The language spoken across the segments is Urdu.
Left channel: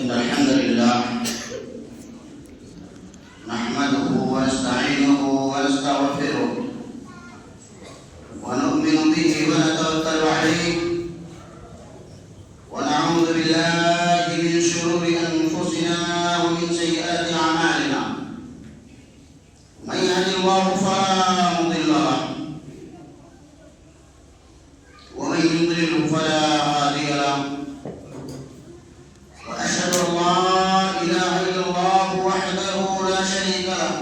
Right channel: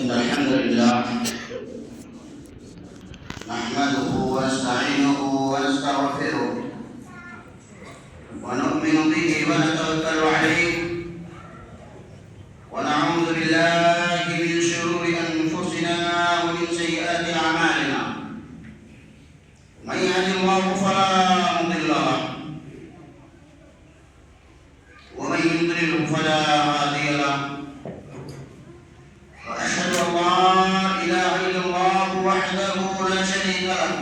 إن الحمد لله نحمده ونستعينه ونستغفره ونؤمن به ونتوكل عليه ونعوذ بالله من شرور أنفسنا ومن سيئات أعمالنا. من يهد الله فلا مضل له ومن يضلل فلا هادي له. وأشهد أن لا إله إلا الله وحده لا شريك له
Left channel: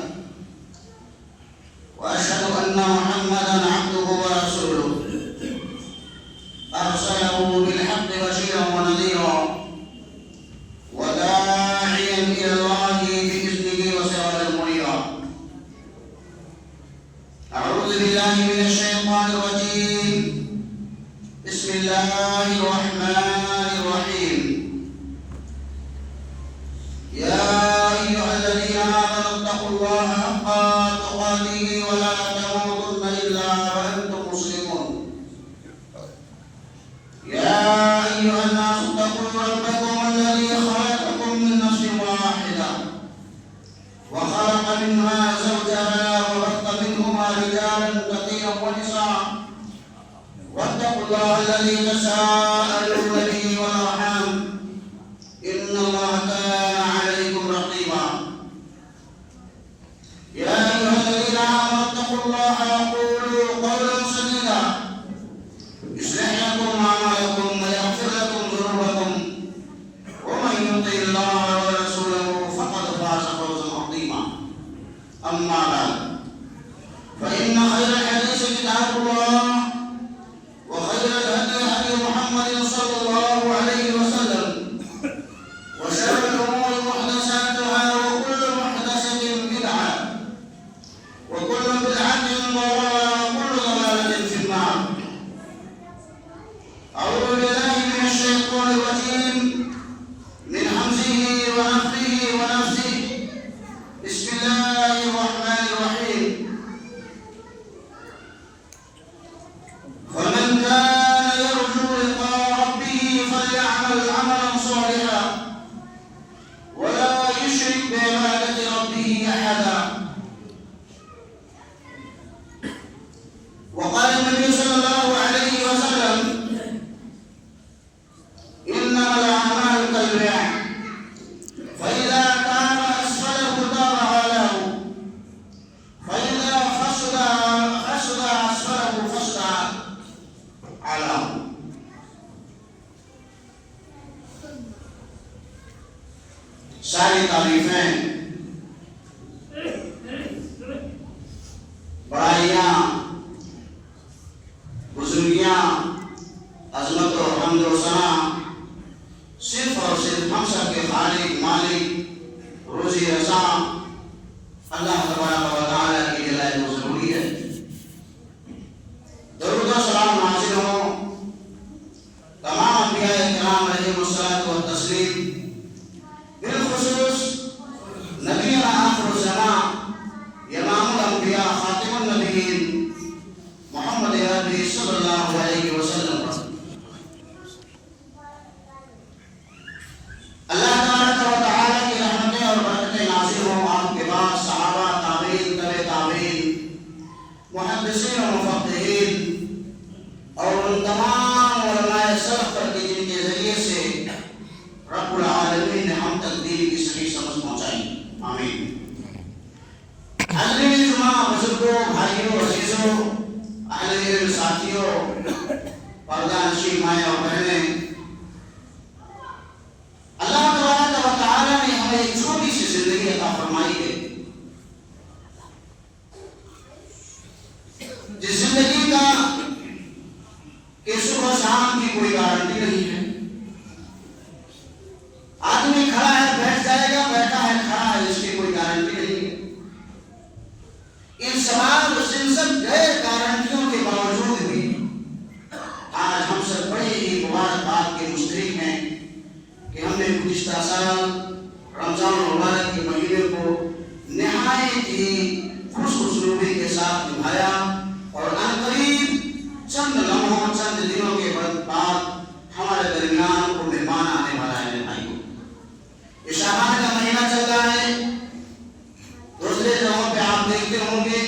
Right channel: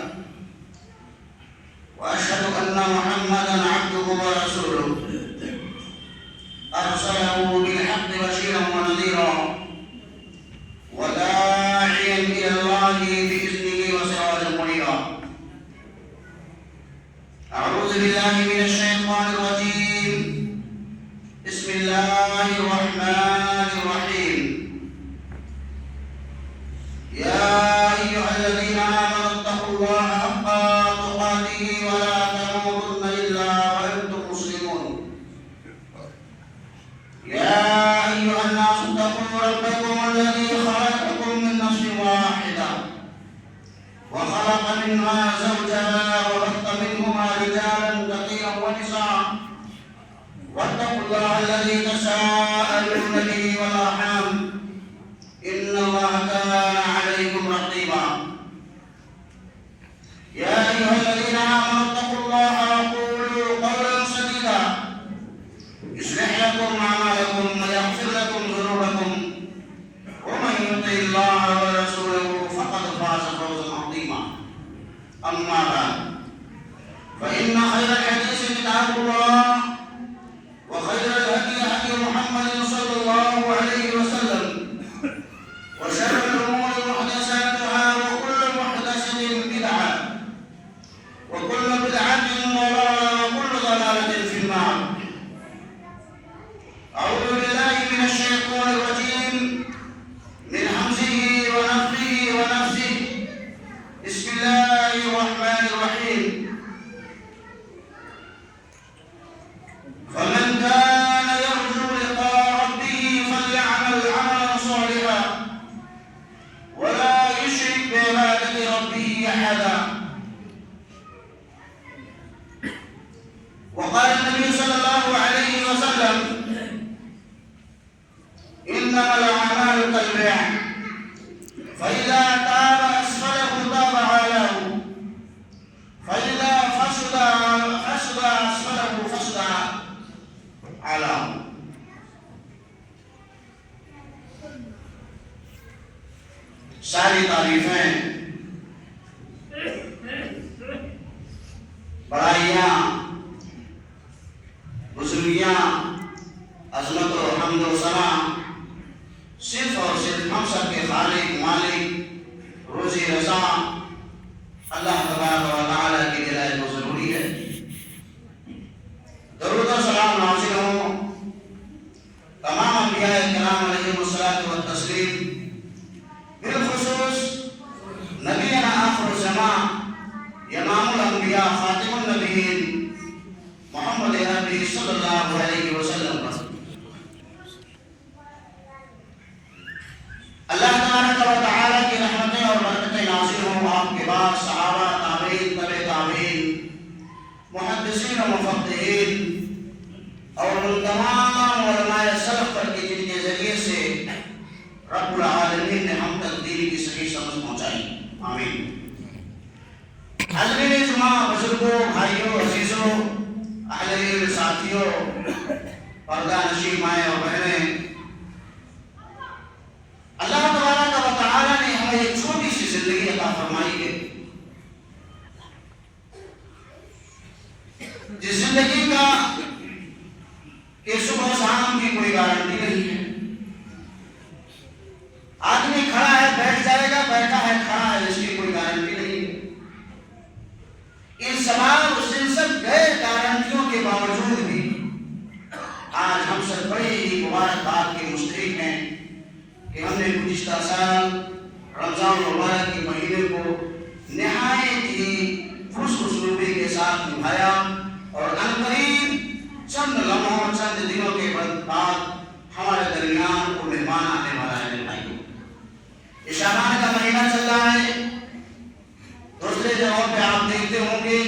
تقاته ولا تموتن إلا وأنتم مسلمون. يا أيها الناس اتقوا ربكم الذي خلقكم من نفس واحدة وخلق منها زوجها وبث منهما رجالا كثيرا ونساء واتقوا الله الذي تساءلون به والأرحام إن الله كان عليكم رقيبا. يا أيها الذين آمنوا اتقوا الله وقولوا قولا سديدا يصلح لكم أعمالكم ويغفر لكم ذنوبكم ومن يطع الله ورسوله فقد فاز فوزا عظيما. أما بعد فإن خير الحديث كتاب الله وخير الهدي هدي محمد صلى الله عليه وسلم وشر الأمور محدثاتها وكل محدثة بدعة وكل بدعة ضلالة وكل ضلالة في النار. أعوذ بالله من الشيطان الرجيم من همزه ونفخه ونفثه. بسم الله الرحمن الرحيم. فمن كان يرجو لقاء ربه فليعمل عملا صالحا ولا يشرك بعبادة ربه أحدا. وقال النبي صلى الله عليه وسلم إنما الأعمال كالبيع فإذا تاب أسفله تاب أعلاه فإذا فسد أسفله فسد أعلاه. ساری تعریفیں بڑائیاں بزرگیاں عظمت و حمد و ثنا صرف اور صرف ہم سب کے خالق مالک روزی رساں اللہ تبارک و تعالیٰ کی دلائل کو ضروری ہے. درود و سلام نازل ہوں تمام انبیاء کرام علیہم الصلاۃ والتسلیم، بالخصوص نبینا آخر الزمان امام الانبیاء خاتم النبیین محمد عربی صلی اللہ علیہ وسلم پر. اللہ تبارک و تعالیٰ کی رحمتیں اور برکتیں نازل ہوں آپ کے بعد صحابہ، تابعین، تبع تابعین، محدثین و مفقہین اور ان تمام علماء سلف پر کی جن کے ذریعے سے رب العالمین نے ہم تک دین کی صحیح سمجھ پہنچائی. آمین. حضرین جمعہ، بزرگوں، بھائیوں، عزیزوں، اہل علم ساتھیوں، پردہ نشین مائیں اور بہنیں، اللہ تبارک و تعالیٰ نے ہمیں ایک چھوٹی سی زندگی عطا فرمائی ہے. جس زندگی کا کہ صبح شام کی کوئی گارنٹی نہیں ہے. آدمی کھڑا ہے بیٹھ جائے گا، بیٹھا ہے کھڑا ہے، اس کی کوئی گارنٹی نہیں ہے. ان سب غیر گارنٹیوں کے باوجود بھی آج ہم سب بڑے ہی مبارکباد کے مستحق ہیں کہ ہم نے گزشتہ سال رمضان المبارک کے مہینے کو نہایت ہی خوش اسلوبی کے ساتھ نبھایا اور عنقریب چند لمحوں چند دنوں کے بعد ہمارے درمیان کو مہمان آنے والا ہے. یہ شعبان کا مہینہ چل رہا ہے. دوسرے جگہوں پہ آپ دیکھتے ہوں گے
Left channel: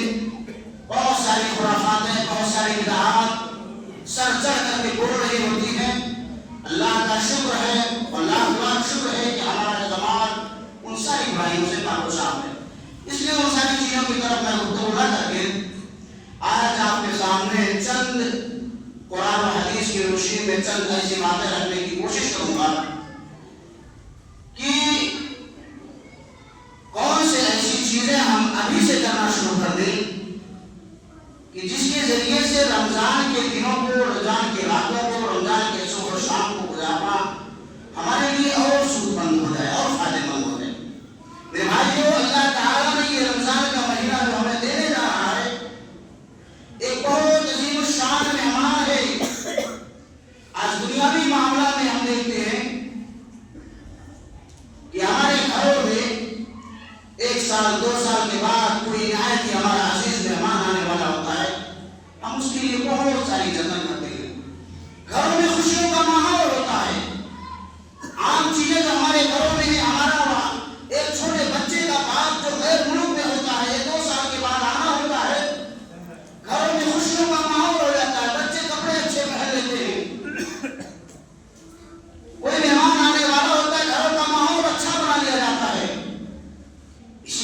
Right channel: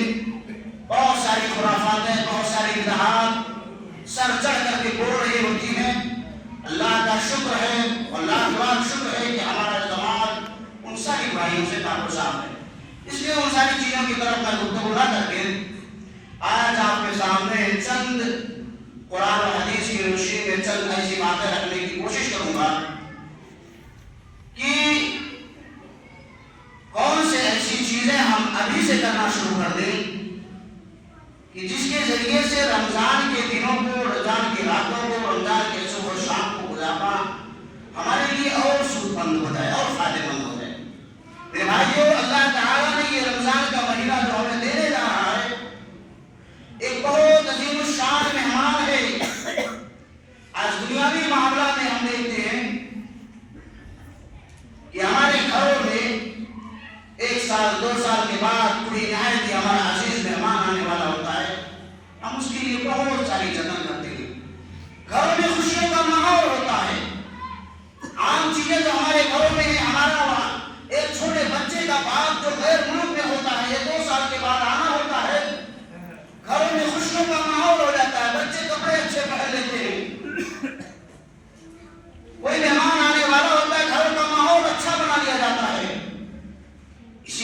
بہت ساری خرافاتیں، بہت ساری بدعات سر چڑھ کر کے بول رہی ہوتی ہیں. اللہ کا شکر ہے، اللہ کا شکر ہے کہ ہمارا جماعت ان ساری بھائیوں سے ناگزار ہے. اس لیے ان ساری چیزوں کی طرف میں گفتگو نہ کر کے آج آپ کے سامنے چند قرآن و حدیث کی روشنی میں چند ایسی باتیں رکھنے کی کوشش کروں گا کہ کون سے ایسی چیزیں ہم ابھی سے کرنا شروع کر دیں کہ جس کے ذریعے سے رمضان کے دنوں کو، رمضان کی راتوں کو، رمضان کے صبح و شام کو گزارنا ہمارے لیے اور سود مند ہو جائے اور فائدہ مند ہو جائے. میرے بھائیو، اللہ تعالیٰ نے یہ رمضان کا مہینہ جو ہمیں دینے جا رہا ہے ایک بہت عظیم الشان مہمان ہے. آج دنیاوی معاملہ میں ہم دیکھتے ہیں کہ ہمارے گھروں میں ایک سال دو سال کے بعد کوئی نہایت ہی ہمارا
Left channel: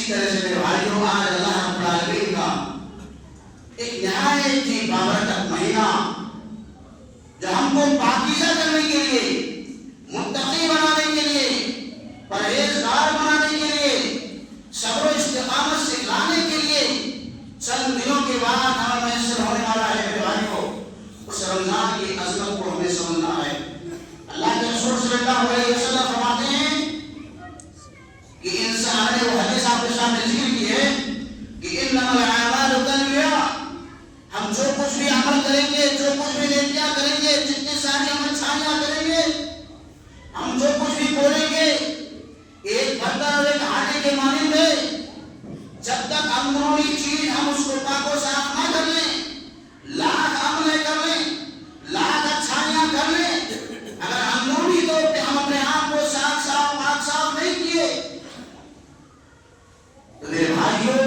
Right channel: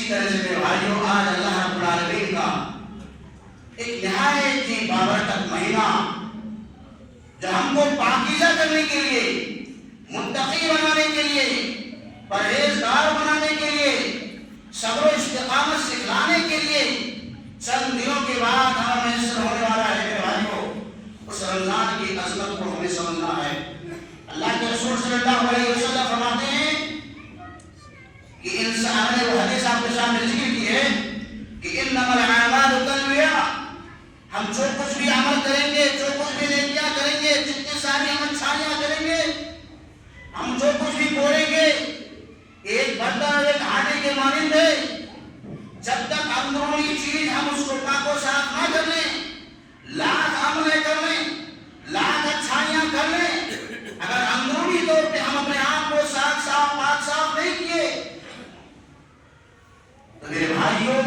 اسی طرح سے میرے بھائیوں آج اللہ رب العالمین کا ایک نہایت ہی بابرکت مہینہ جو ہم کو پاکیزہ کرنے کے لیے، متقی بنانے کے لیے، پرہیزگار بنانے کے لیے، صبر و استقامت سکھلانے کے لیے چند دنوں کے بعد ہمیں میسر ہونے والا ہے میرے بھائیوں۔ اس رمضان کی عظمت کو ہمیں سمجھنا ہے۔ اللہ کے رسول صلی اللہ علیہ وسلم فرماتے ہیں کہ انسان نے وہ حدیث آپ کے سامنے ذکر کی ہے کہ انما الاعمال بالنیات، ہم جو کچھ بھی عمل کریں گے، جو کچھ بھی نیکیاں کریں گے، جتنی ساری ہم اچھائیاں کریں گے، ہم جو کچھ بھی بولیں گے، ایک برتن اور ایک ہانڈی کے مانند ہے، جب تک اندرونی چیز ہم اس کو پاک و صاف نہ کر لیں، لاکھ عملیں کر لیں، لاکھ اچھائیاں کر لیں، اگر اندرونی طور پہ ہم اپنے آپ کو صاف پاک صاف نہیں کیے تو میرے بھائیوں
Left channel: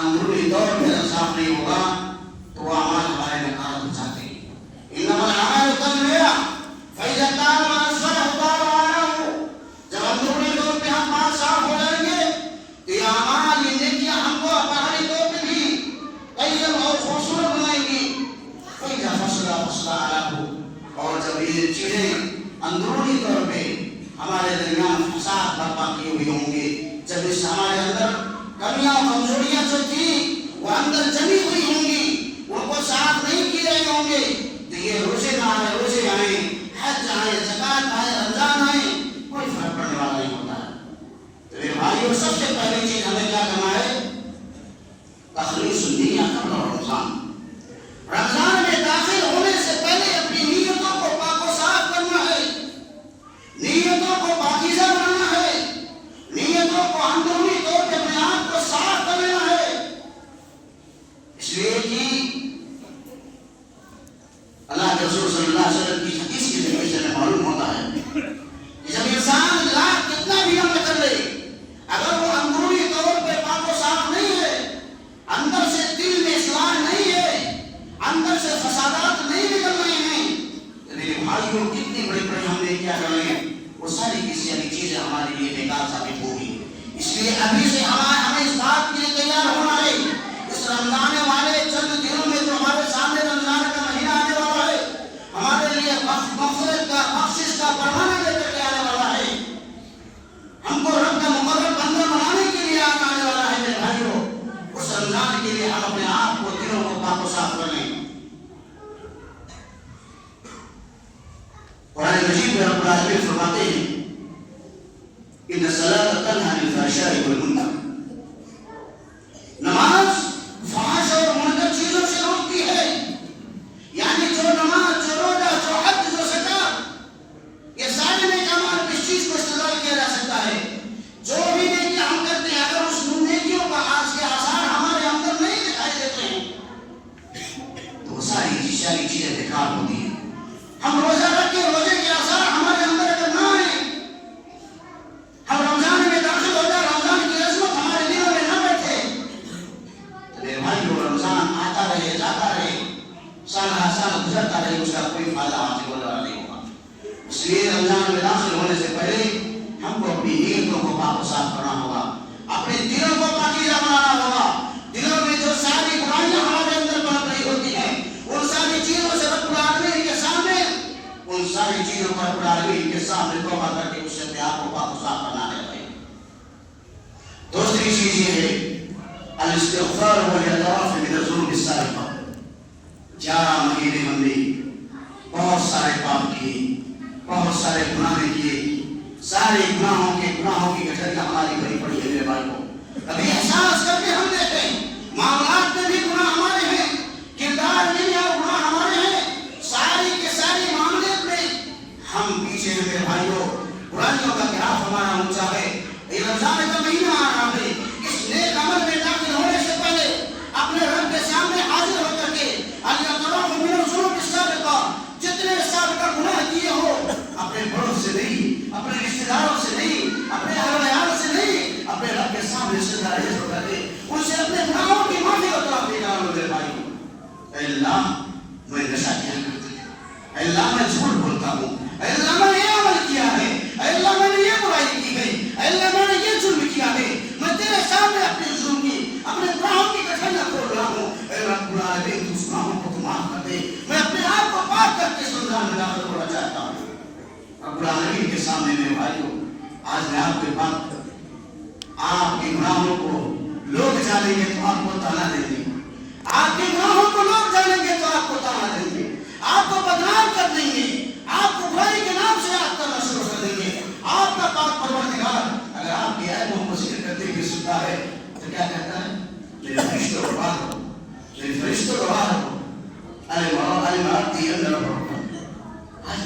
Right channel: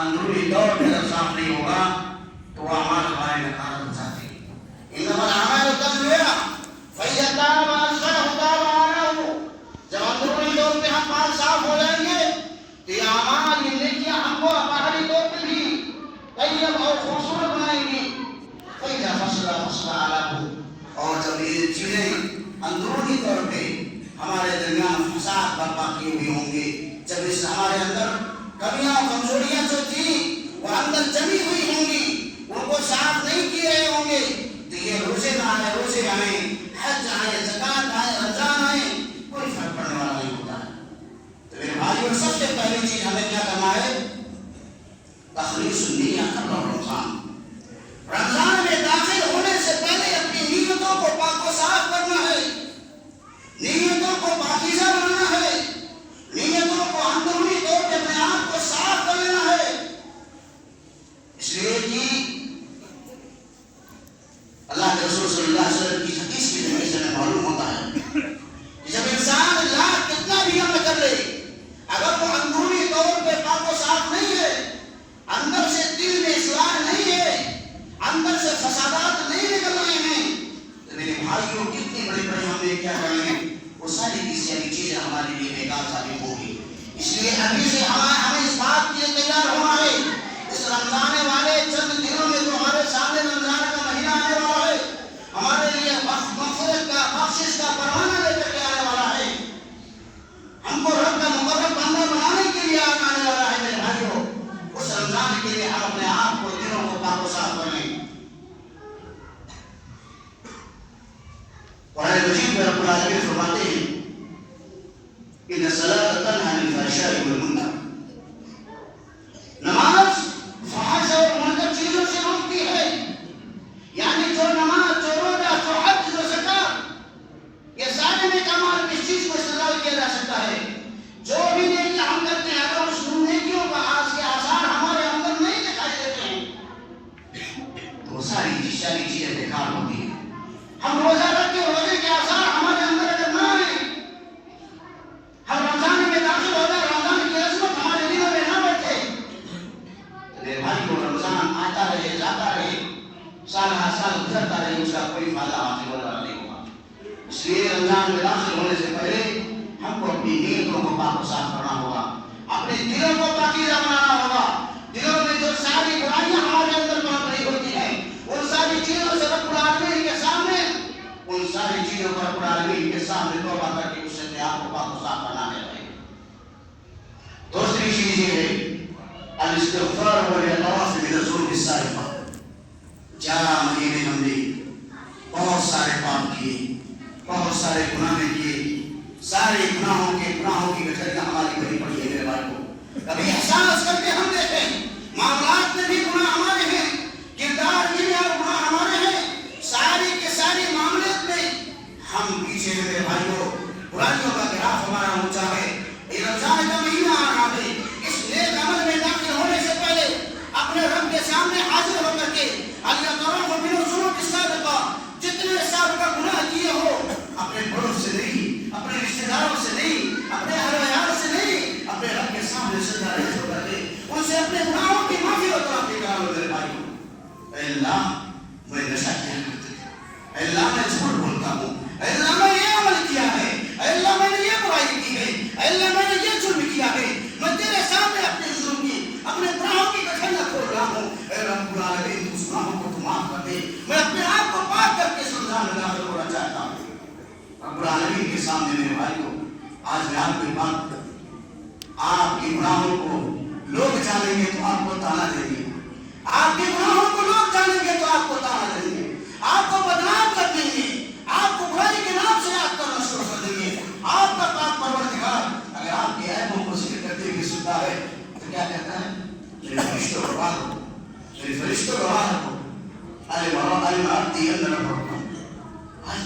اندرونی طور پہ اگر صاف نہیں ہوگا تو وہ اعمال ہمارے ناکام ہو جاتے ہیں۔ انما الاعمال بالنیات فاذا تاب اصلح تاب عليه، جب اندرونی طور پہ ہم پاک صاف ہو جائیں گے تو یہ اعمال، یہ نیکیاں ہم کو باہری طور پہ بھی طیب اور خوبصورت بنائیں گی۔ فاذا فصل عليه، اور جب یہ چیزیں اندرونی طور پہ ہمارے درمیان فساد برپا کیے ہوئے ہوں گے، جب اس ہمارے اندر کمیاں اور کمزوریاں جو تھی وہ اندر جمی ہوئی ہوں گی، ان کو صاف نہیں کیے رہے ہوں گے، تو یہ روزے نہ آئے، روزے آئیں، حج آئے، زکات آئے، رمضان آئے، کوئی فرق پڑنے والا نہیں ہوتا ہے۔ تو میرے بھائیوں سب سے پہلی چیز ہمیں کیا کرنا ہے؟ تخلیص النیہ قبل رمضان۔ رمضان میں داخل ہونے سے پہلے اپنی نیتوں کو پاک و صاف کرنا ہے، نیتوں کو پاکیزہ بنانا ہے، نیتوں کو اندرونی طور پہ اپنے آپ کو صاف کر لینا ہے۔ اس لیے کہ اللہ کے رسول صلی اللہ علیہ وسلم کی حدیث کی ذریعے سے ہمیں معلوم ہوتا ہے کہ جب انسان لاکھ کتنا بھی عمل کر لے، اگر وہ اندرونی طور پہ پاک و صاف نہیں ہے، اندر سے دل میں اصلاح نہیں ہے، اندر سے فسادات نہیں نکل رہے ہیں، تو میرے بھائیوں کتنی بڑی بڑی ہم نے کیا کر لیں، وہ ساری کی ساری چیزیں ہمارے لیے بیکار ثابت ہوگی۔ اس لیے ابھی سے ہمیں اس بات کے لیے تیار ہونا ہے۔ اس رمضان والے چند دنوں میں جو ہمارے سامنے رمضان کا مہینہ آنے والا ہے، ہمارے لیے مغفرت کا، بخشش کا پروانہ لے کر کے آنے والا ہے، ہم کو رب کا مقرب بندہ بنانے کے لیے آنے والا ہے میرے بھائیوں۔ اس رمضان کے لیے ہم اپنے آپ کو، دلوں کو پاک و صاف کریں۔ قرآن مجید میں رب العالمین فرماتے ہیں ان الصلاۃ تنہی عن الفحشاء والمنکر، نماز فحش اور منکر چیزوں سے روکتی ہے۔ یعنی جو نماز، جو روزہ، جو حج، جو زکات، یہ سارے نیک اعمال کس چیز کو استعمال کیا جا سکتا ہے؟ جو بھی نیکیاں ہم کرتے ہیں، اگر اس نیکیوں کا آج کے آثار ہمارے اندر نہیں دکھائی دیتے ہیں تو وہ ساری چیزیں بیکار ہوتی ہیں۔ ہم روزہ رکھ کے روزے کے آثار ہمارے اندر اگر نہ آئے، ہم رمضان میں داخل ہو جائے، رمضان کی عظمت ہمارے دلوں میں نہ بیٹھے، تو میرے بھائی کو رمضان آتا رہے، جاتا رہے، سال ہر سال گزرتا رہے، اس کا کوئی فائدہ حاصل ہونے والا نہیں ہوگا۔ اس لیے رمضان میں داخل ہونے سے پہلے ہم کو اپنی نیتوں کو پاک و صاف کرنا ہوگا، اپنے دلوں کو پاکیزہ بنانا ہوگا۔ دلوں میں جو ساری برائیاں ہمارے اندر پڑ رہی ہوتی ہیں، ان ساری چیزوں سے رب العالمین کے سامنے، ان ساری چیزوں پر رب العالمین کے سامنے توبہ کر کے اس سے اپنے آپ کو پاک و صاف کرنا ہے۔ دوسری چیز یہ ہے الاستغفار والاعتراف من الذنوب السابقہ۔ 11 مہینے ہم نے بہت سارے پاپ کیے، بہت سارے گناہ کیے، سارے گناہوں کی گٹھلیاں ہماری بھری پڑی ہے میرے بھائی کو۔ کبھی احساس کرتے ہم دیکھیں معاملات میں بھی گناہ ہمارے ہیں، کردار میں اور گناہ ہمارے ہیں، ساری کے ساری معاملات میں ہم پیچھے میرے بھائیوں برائیوں کا گراف ہمارا اونچا ہے۔ یہ رمضان کا مہینہ آ رہا ہے، اس نیک عمل میں داخل ہونے سے پہلے اپنے رب کے سامنے حاضر ہو کر کے الاعتراف من الذنوب السابقہ، جتنے سابقہ گناہ کیے ہو، اپنے بڑوں سے نہیں، اپنے رشتہ داروں سے نہیں، اپنے اہل و عیال سے نہیں، اپنے رب کے سامنے سجدہ آج میں آپ کو بات آپ کے گناہوں کو لوگ جانیں گے تو آپ کو تانا دیں گے، آپ کے گناہوں کو لوگ جانیں گے تو آپ کو تانا دیں گے، آپ کو بدنام کر دیں گے، آپ کو برائی کے نام سے یاد کرنا شروع کر دیں گے۔ آپ کا پاک پروردگار اگر آپ کے عیبوں کو ذکر کرتے ہوئے سنتا ہے تو کیا کہتا ہے؟ میرے فرشتوں کو بات ہو، میرے فرشتوں کو بات ہو، آج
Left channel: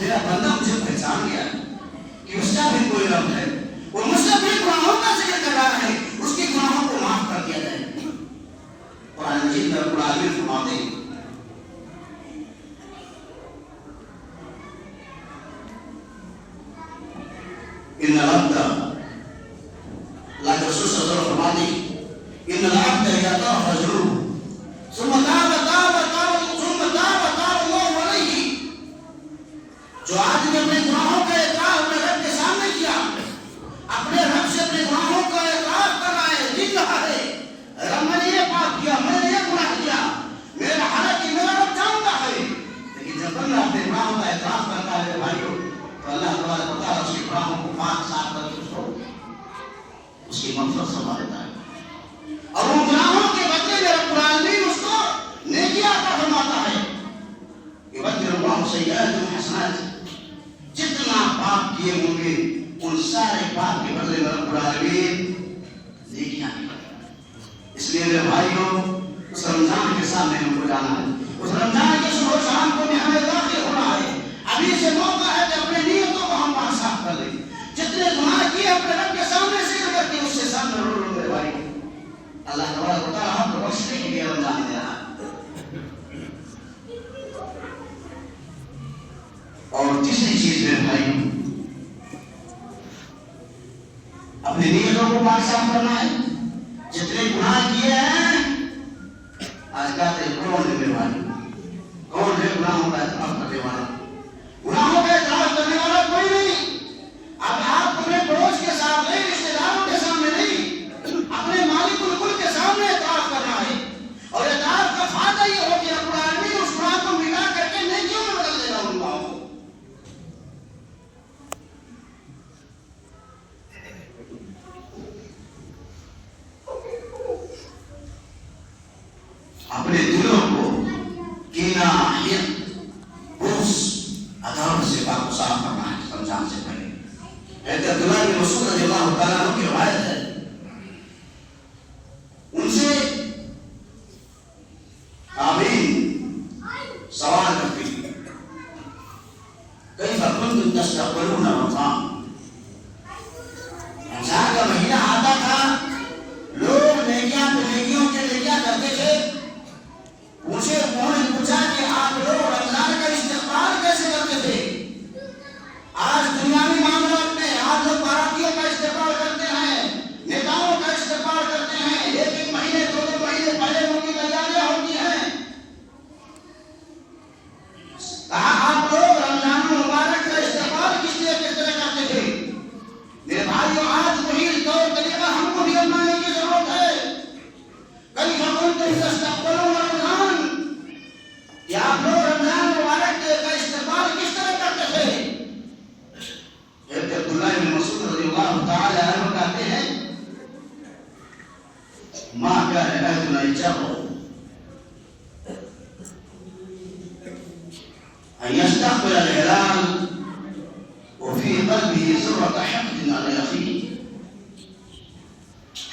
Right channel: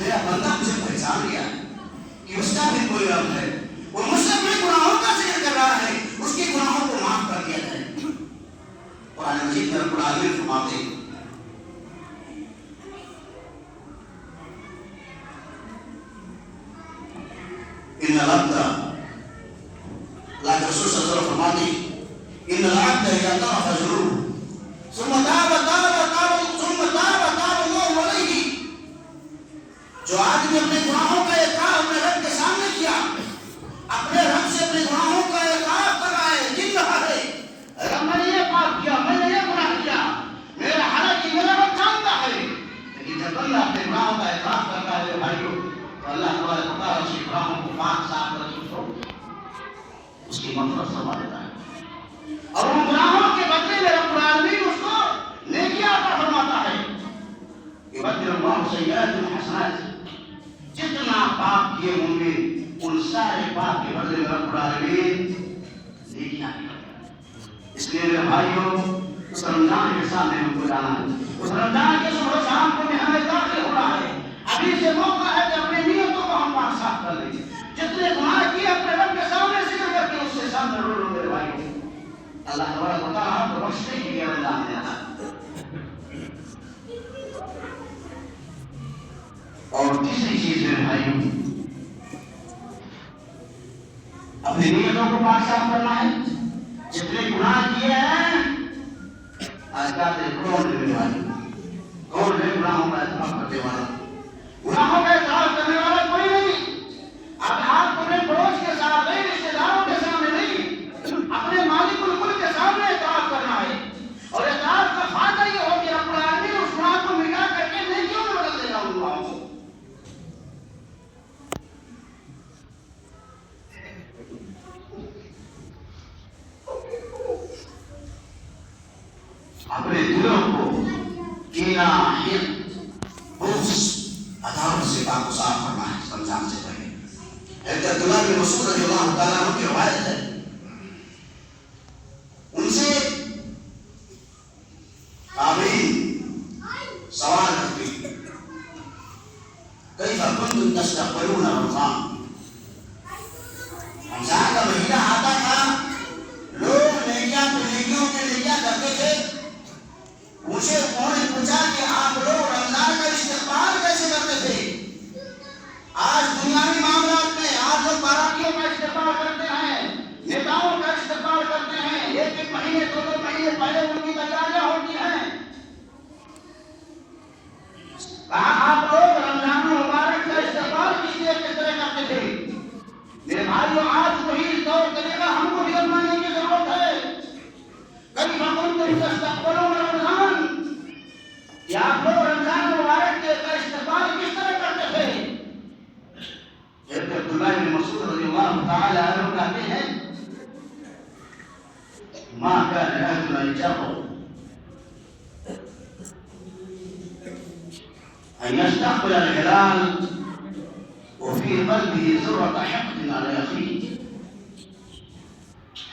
میرا بندہ مجھے پہچان گیا کہ اس کا بھی کوئی رب ہے، وہ مجھ سے اپنے گناہوں کا ذکر کر رہا ہے، اس کے گناہوں کو معاف کر دیا جائے۔ قرآن مجید میں رب العالمین فرماتے ہیں ان العبد اللہ کے رسول صلی اللہ علیہ وسلم فرماتے ہیں ان العبد اذا طاف فجره ثم تاب الله علیہ، جو آدمی اپنے گناہوں کا اقرار اپنے رب کے سامنے کیا، اپنے رب سے اپنے گناہوں کا اقرار کر رہا ہے، گر رہا ہے، رب میں نے یہ پاپ کیا، میں نے یہ گناہ کیا، میرا حالانکہ میرا رب جانتا ہے، لیکن جب بندہ اپنے گناہوں کا اقرار کرتا ہے بھائیو تو اللہ تبارک و تعالیٰ اس کے گناہوں کو پاک صاف کر کے اس کی مغفرت فرما دیتا ہے، اور ان گناہوں کے بدلے میں رب العالمین اس کو نیکیاں عطا فرماتا ہے۔ یبدل اللہ سیئات حسنات، جتنا پاپ کیے ہوں گے ان سارے پاپ کے بدلے میں رب العالمین نیکیاں کرتا ہے۔ اس لیے میرے بھائیوں اس رمضان کے سامنے ہم کو جانا ہے، اس رمضان کے صبح شام کو میں ہمیں داخل ہونا ہے، ابھی سے موقع ہے کہ اپنے نیتوں کو ہم پاک صاف کر لیں گے، جتنے گناہ کیے اپنے رب کے سامنے ذکر کر کے اس سے سامنے رو لو میرے بھائی۔ اللہ تبارک و تعالیٰ ہم کو بخشنے کے لیے رمضان دے رہا ہے۔ اور تیسری چیز میرے بھائی اپنے نیتوں کو پاک صاف کرنا ہے، جتنے گناہ کیے ہیں آج کہتے ہیں کون ہے میرے بھائی، کون ہے گناہوں کا اعتراف کرنے والا؟ گناہوں کا اعتراف کرنے والا کوئی نہیں۔ اب آپ اپنے پڑوس کے ساتھ نہیں، رشتے داروں کے سامنے نہیں، اپنے مالک الملک کے سامنے اعتراف کرنا ہے، اور اعتراف کا فائدہ یہ ہو کہ رب العالمین اس گناہ کو مٹا کر کے نیکیوں میں بدل دے گا ان گناہوں کو۔ اپنے دلوں کو کینہ، حقد، بغض، عداوت سے پاک و صاف کرنا ہے رمضان سے پہلے۔ حضرت عبداللہ بن مسعود رضی اللہ تعالیٰ عنہ کی روایت ہے، ان سے تابعین سوال کرتے ہیں کیف کنتم تستقبلون رمضان، رمضان کا مہینہ آتا تھا، لوگ نیکیاں کے نیکیاں کرتے تھے، مجھے انہوں نے پوچھا کہ آپ لوگ رمضان کا استقبال کیسے کرتے تھے؟ آج دنیاوی معاملات میں آج لوگ باراتیوں کا استقبال کرتے ہیں، نیتاؤں کا استقبال کرتے ہیں، ایک مہینے دو مہینے پہلے ان کی تیاریاں ہوتی ہیں۔ کہا آپ لوگ رمضان مبارک کا استقبال کس طرح کرتے تھے؟ میرے بھائیوں آج وہی طور طریقہ ہم کو بھی اپنانے کی ضرورت ہے۔ کبھی کنتم تستقبلون رمضان، کہ آپ لوگ رمضان مبارک کا استقبال کس طرح کرتے تھے؟ حضرت عبداللہ بن مسعود رضی اللہ تعالی عنہ کہتے ہیں ما كان اهلنا يجرؤ ان يستقبل الهلال وفي قلبه ذرة حقد على اخيه۔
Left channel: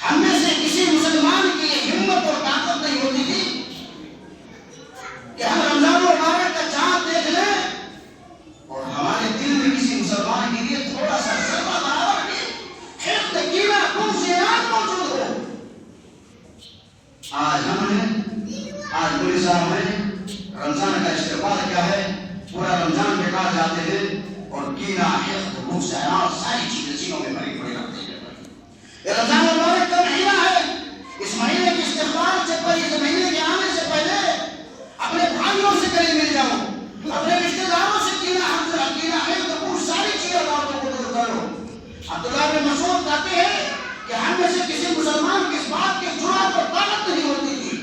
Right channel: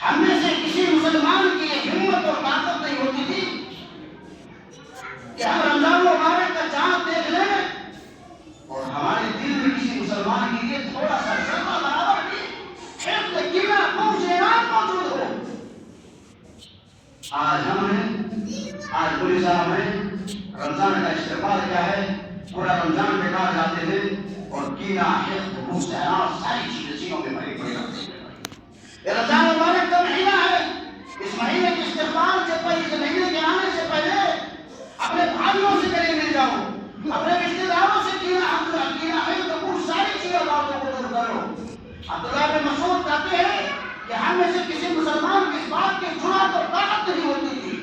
ہم میں سے کسی مسلمان کی یہ ہمت اور طاقت نہیں ہوتی تھی کہ ہم رمضان مبارک کا چاند دیکھ لیں اور ہمارے دل میں کسی مسلمان کے لیے تھوڑا سا ذرہ برابر کی حقد، کینہ، بغض، اناد موجود ہو۔ آج ہم ہیں، آج پولیس صاحب ہیں، رمضان کا استقبال کیا ہے، پورا رمضان بیکار جاتے ہیں اور کینہ، حقد، بغض، اناد ساری چیزیں سینوں میں بھری پڑے رہتے ہیں۔ یہ رمضان مبارک کا مہینہ ہے، اس مہینے کے استقبال سے پہلے، اس مہینے کے آنے سے پہلے اپنے بھائیوں سے گلے مل جاؤ، اپنے رشتے داروں سے کینہ، حقد، بغض ساری چیزیں باتوں کو دور کرو۔ عبداللہ بن مسعود کہتے ہیں کہ ہم میں سے کسی مسلمان کی اس بات کی جرأت اور طاقت نہیں ہوتی تھی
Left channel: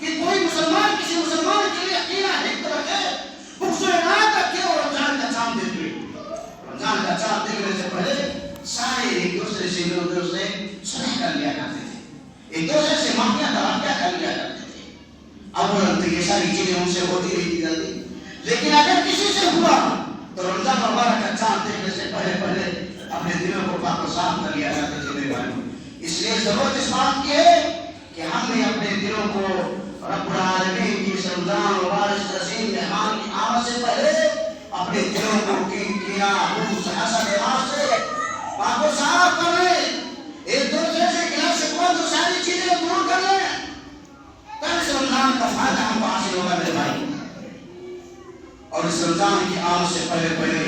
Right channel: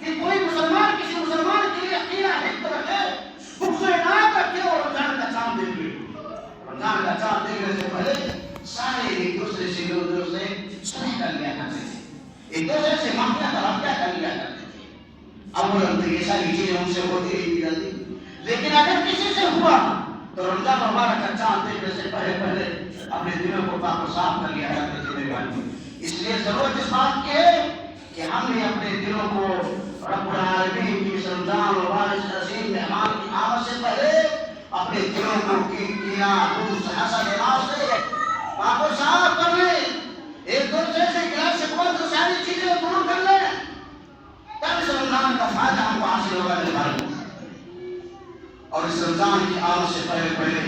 کہ کوئی مسلمان کسی مسلمان کے لیے کینہ، حقد رکھے، بغض و اناد رکھے اور رمضان کا چاند دیکھے۔ رمضان کا چاند دیکھنے سے پہلے سارے ایک دوسرے سے مل کر اسے صلح کر لیا کرتے تھے، ایک دوسرے سے معافیاں کر لیا کرتے تھے۔ اب وہ لگتا یہ ساری چیزیں ان سے ہوتی رہی جلدی، لیکن اگر کسی سے ہوا تو رمضان مبارک کا چاند دیکھنے سے پہلے اپنے دلوں کو پاک و صاف کر لیا کرتے تھے میرے بھائیوں۔ اس لیے ضرورت اس بات کی ہے کہ ہم نے اپنے دلوں کو رب العالمین کی اس رمضان مبارک عظیم مہمان کی آمد سے پہلے اپنے دلوں کو کینا حسد حسد سے پاک و صاف کر لیں، ایک دوسرے سے گلا شکوہ تو ساری چیزیں دور کر لیں، تب اس رمضان کا فائدہ ہم کو حاصل ہوگا میرے بھائی۔ اور اس رمضان کی آمد سے پہلے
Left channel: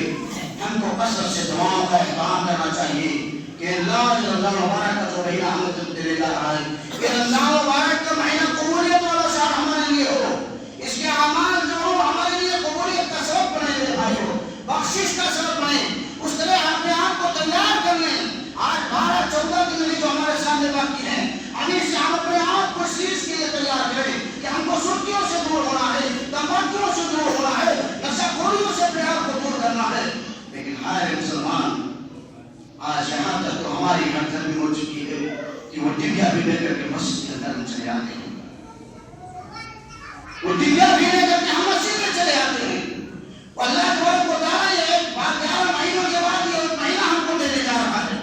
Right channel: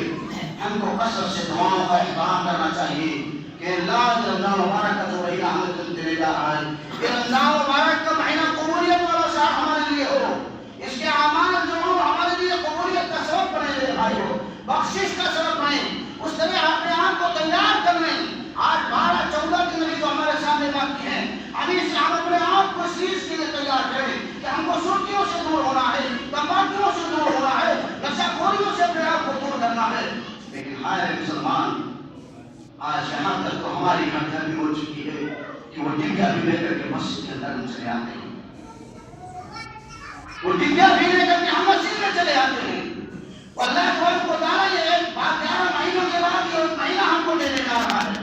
ہم کو کثرت سے دعاؤں کا اہتمام کرنا چاہیے کہ اللہ رمضان مبارک کا جو مہینہ ہمیں دے جا رہا ہے، یہ رمضان مبارک کا مہینہ قبولیت والا شہر ہمارے لیے ہو، اس کے اعمال جو ہو ہمارے لیے قبولیت کا سبب بنے میرے بھائیو، بخشش کا سبب بنے، اس طرح اپنے آپ کو تیار کر لیں۔ آج 12-14 دن جو ہمارے سامنے باقی ہیں، ابھی سے ہم اپنے آپ کو اس چیز کے لیے تیار کریں کہ ہم کو سرخیوں سے دور ہونا ہے، تمباکیوں سے دور ہونا ہے، نشہ خوریوں سے اپنے آپ کو دور کرنا ہے۔ لیکن ہائے مسلمان، آج یہاں تک تو ہماری گھر بھی ہو چکی ہے کہ وہ ڈبیا بھی لے کر کے مسجد کے اندر چلے آتے ہیں، وہ ڈبیا بھی لے کر کے ہم مسجد میں چلے آتے ہیں۔ اللہ تبارک و تعالیٰ یہ 11 مہینوں کے بعد یہ مہینہ ہم کو دینے جا رہا ہے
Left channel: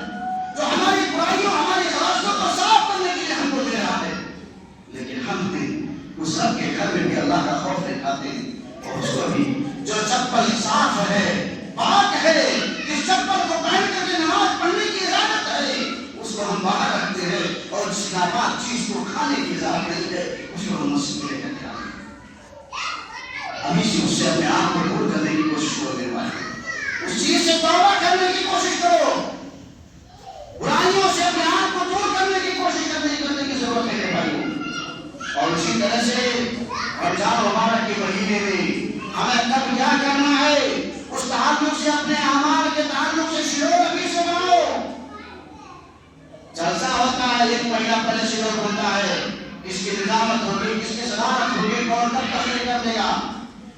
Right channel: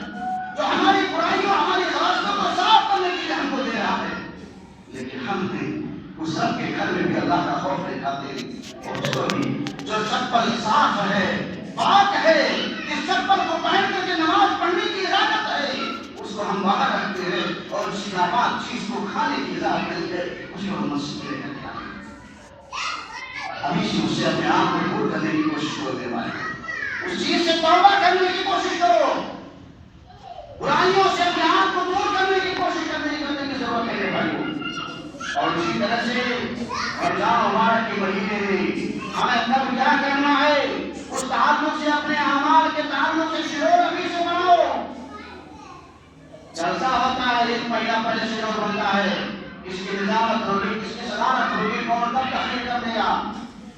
جو ہماری برائیوں ہماری غلطیوں کو صاف کرنے کے لیے ہم کو دے رہا ہے، لیکن ہم بھی اس رب کے گھر میں بھی اللہ کا خوف دکھاتے ہیں، اور اس کو بھی جو چپل صاف ہے، پاک ہے، جس چپل کو پہن کر کے نماز پڑھنے کی اجازت ہے اس کو ہم باہر رکھتے ہیں، اور جس ناپاک چیز کو کھانے کی اجازت نہیں ہے اس کو ہم مسجد میں لے کر کے آتے ہیں۔ ابھی سے اس سے اپنے آپ کو دور کرنے کی کوشش کرو میرے بھائی، اس چیز سے توبہ کرنے کی کوشش کرو، برائیوں سے اپنے آپ کو دور کرنے کی کوشش کرنے کی ضرورت ہے میرے بھائیوں۔ اور اسی طرح سے رمضان مبارک کے مہینے میں ہمیں کب کیا کرنا ہے، اس تعلق سے اپنے اعمال کے تعلق سے شعور ابھی سے بناؤ۔ جلسہ ہوتا ہے، ایک مہینہ پہلے شعور بنتا ہے، اس کی نظامت ہوگی، اس کی صدارت ہوگی، کون کب تقریر کر دے گا۔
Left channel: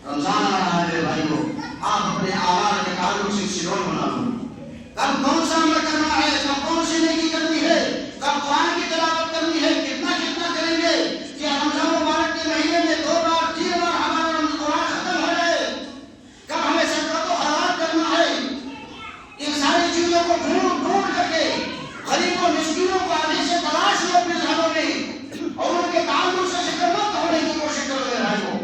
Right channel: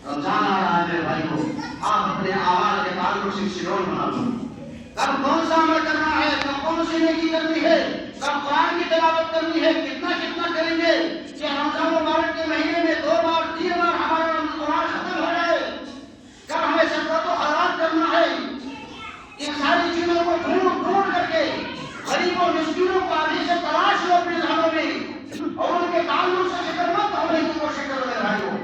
رمضان آ رہا ہے میرے بھائیوں، آپ اپنے اعمال کے تعلق سے شعور بنا لو، کب کون سا عمل کرنا ہے، کب کون سی نیکی کرنی ہے، کب قرآن کی تلاوت کرنی ہے، کتنا کریں گے کہ رمضان مبارک کے مہینے میں 2 بار 3 بار ہمارا قرآن ختم ہو جائے، کب ہمیں صدقۃ و خیرات کرنا ہے، ان ساری چیزوں کو ڈھونڈ کر کے غریبوں مسکینوں کو ابھی سے تلاش لو اپنے ذہنوں میں، اور ان کے تعلق سے فکرمند ہونے کی کوشش کرو میرے بھائیوں۔